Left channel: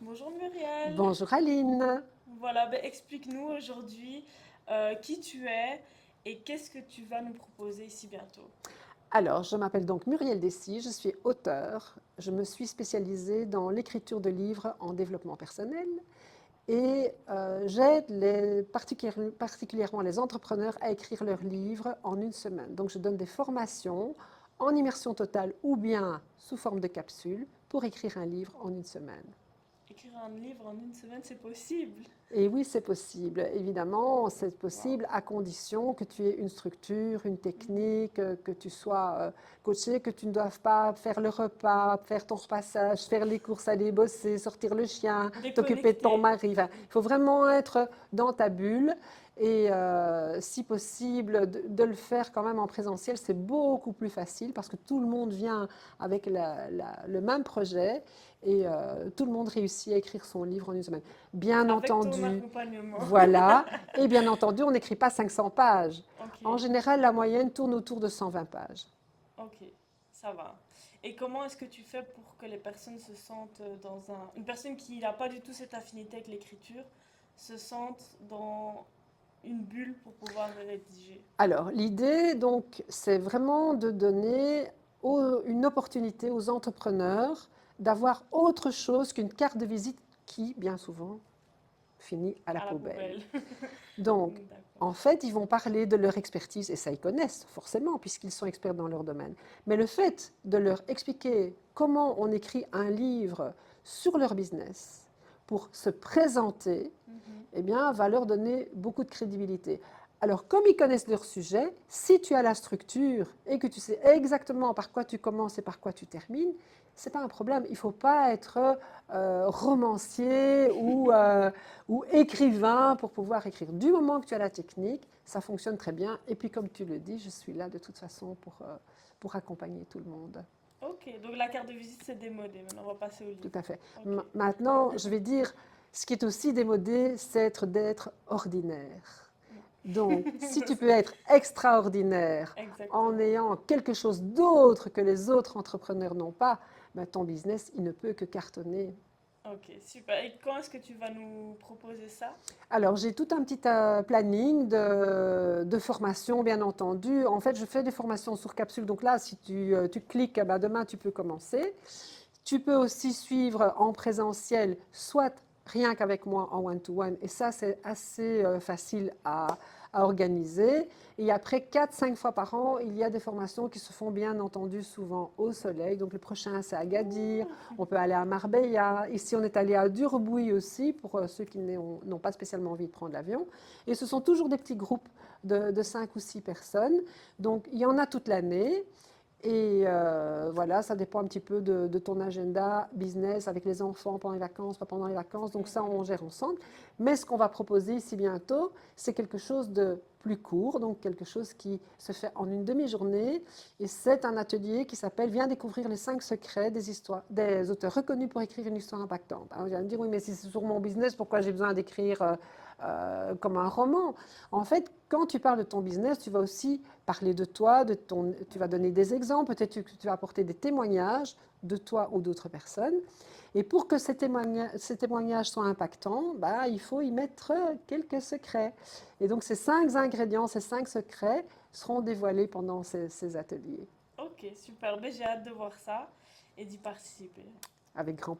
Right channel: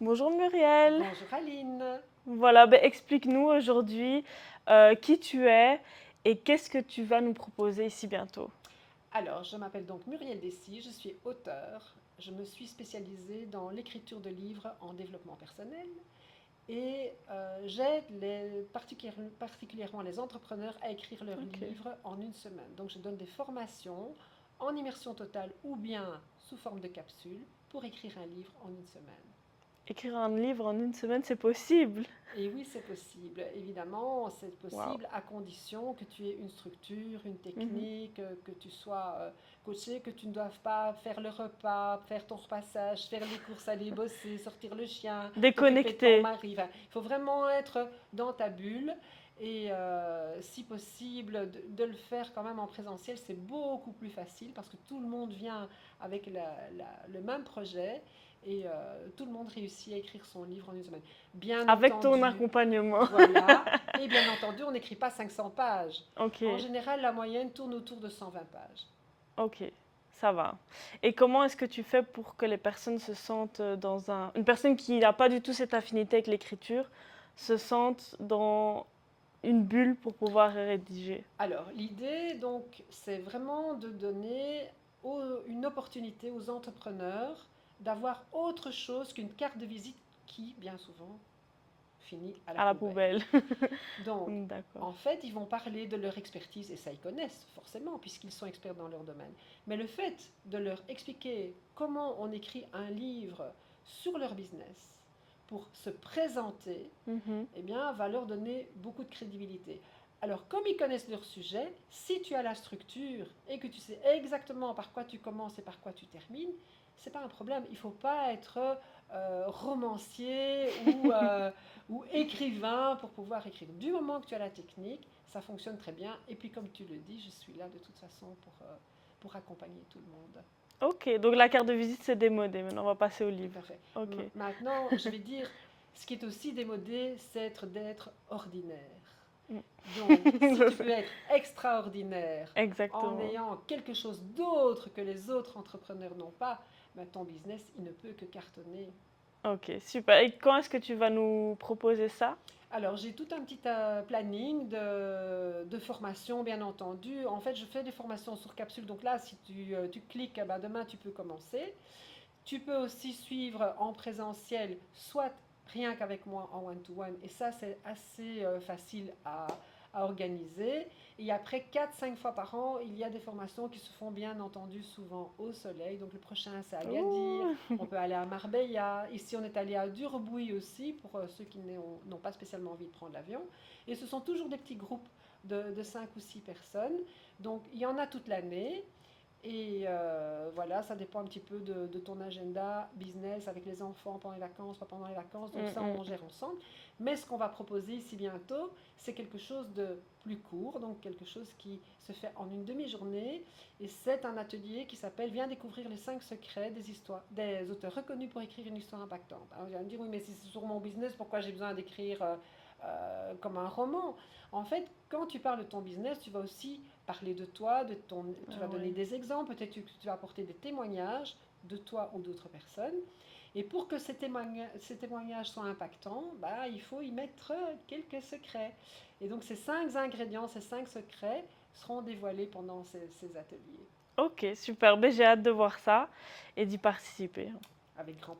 Bonjour Muriel. Bonjour Aline. Voilà, explique-nous aujourd'hui qui tu es et qu'est-ce que tu vas nous proposer ici bientôt. Alors, je m'appelle donc Muriel Dessy, je suis auteure. Je me suis spécialisée dans l'écriture de livres en développement personnel et j'aide particulièrement les entrepreneurs à écrire leurs Ok. livres en une semaine. Donc, je donne des formations en immersion totale ou bien sous forme de capsule pour écrire un livre en une semaine. Écrire un livre en une semaine, c'est possible. Et oui, c'est possible. Évidemment, c'est Waouh. possible à condition que tu aies une structure, une Mhm. technique, que tu sois coaché, que tu ne doives pas faire le repas, faire ton repassage, faire les courses, aller bosser, sortir le chien, t'occuper de ton Déconnecté. mari. Enfin, il faut vraiment être dans ta bulle et si possible de le faire quand même en présentiel, c'est beaucoup plus facile parce que tout le monde vient avec le même projet et tout le monde réussit à écrire son livre en une semaine. Bien Avec ton entendu, accompagnement. voilà. Et bien entendu, on n'écrit pas 500 pages. Ok, En général, la moyenne tourne autour de 120 pages. ok, ça va. Et comment est-ce que tu fais pour que les personnes se sentent dans un... Une personne qui n'a pas du tout cette affinité avec l'écriture se sente dans une bulle pour pouvoir rédiger? Alors, l'idée, donc, c'est vraiment de donner une opportunité aux entrepreneurs d'avoir autre chose qu'une carte de visite qui, bien souvent, finit à la À la poubelle. poubelle. Donc, D'accord. en fait, ils vont parler de leur expertise, et ça, ils connaissent forcément, puisqu'ils sont experts dans leur domaine. Mais le fait de leur expliquer comment on écrit un livre sur leur business pour se présenter, Mhm. eh bien, va leur donner beaucoup de crédibilité. Alors, comme ils connaissent leur sujet, si tu as la structure et que tu sais exactement par quoi tu commences et par quoi tu termines, ce n'est pas un problème. Il ne faut pas être romancier ou écrivain pour pouvoir écrire. Du moment que tu as la technique, ça fonctionne très bien. Et puis, comme tu le dis, je suis là de toute façon pour accompagner tout le monde. Ok, donc la carte de visite c'est démodé. Maintenant on va passer au Tout à livre. fait. Ok. Maintenant, je vais dire, ce qui est aussi démodé, c'est d'être ordinaire. Donc, si Ça, tu peux être extraordinaire en exactement. ayant quelque chose d'autre que les autres entrepreneurs n'ont pas, ben, ton business, il ne peut que cartonner. Ok, super. Et quand est-ce que tu vas nous proposer ça? Alors, j'ai tout un petit planning de formation, bien entendu. En fait, je fais des formations sur capsule. Donc là, si tu cliques, ben, demain, tu peux commencer. Tu peux aussi suivre en présentiel, soit rien qu'avec moi en one-to-one, et ça, c'est assez facile à organiser. Et après, 4, 5 fois par an, il y a des formations qui se font bien entendu souvent au soleil. Donc le prochain, c'est à Agadir, Oh, on peut aller à Marbella. Ici, on est allé à Durbouy aussi, pour ceux qui n'ont pas spécialement envie de prendre l'avion. Et ce sont toujours des petits groupes de 5 ou 6 personnes. Donc il y en a toute l'année. Et voilà, ça dépend un petit peu de ton agenda business avec les enfants pendant les vacances, pas pendant les vacances. Donc ça, on gère ensemble. Mais ce qu'on va proposer ici bientôt, c'est quelque chose de plus court, donc quelque chose qui se fait en une demi-journée. Et c'est un atelier qui s'appelle Viens découvrir les 5 secrets des auteurs reconnus pour écrire une histoire impactante. Alors, vous allez me dire, oui, mais si c'est sur mon business, pourquoi j'ai besoin d'écrire comme un roman? En fait, quand tu parles de ton business, tu vas aussi parler de toi, tu vas donner ouais. des exemples, peut-être que tu vas apporter des témoignages de toi ou d'autres personnes. Et pour que ces témoignages soient impactants, bah, il faut y mettre quelques secrets. Et donc ces 5 ingrédients, ces 5 secrets seront dévoilés pendant ces ateliers. Ok, super. J'ai hâte de voir ça et d'y participer. Avec grand plaisir.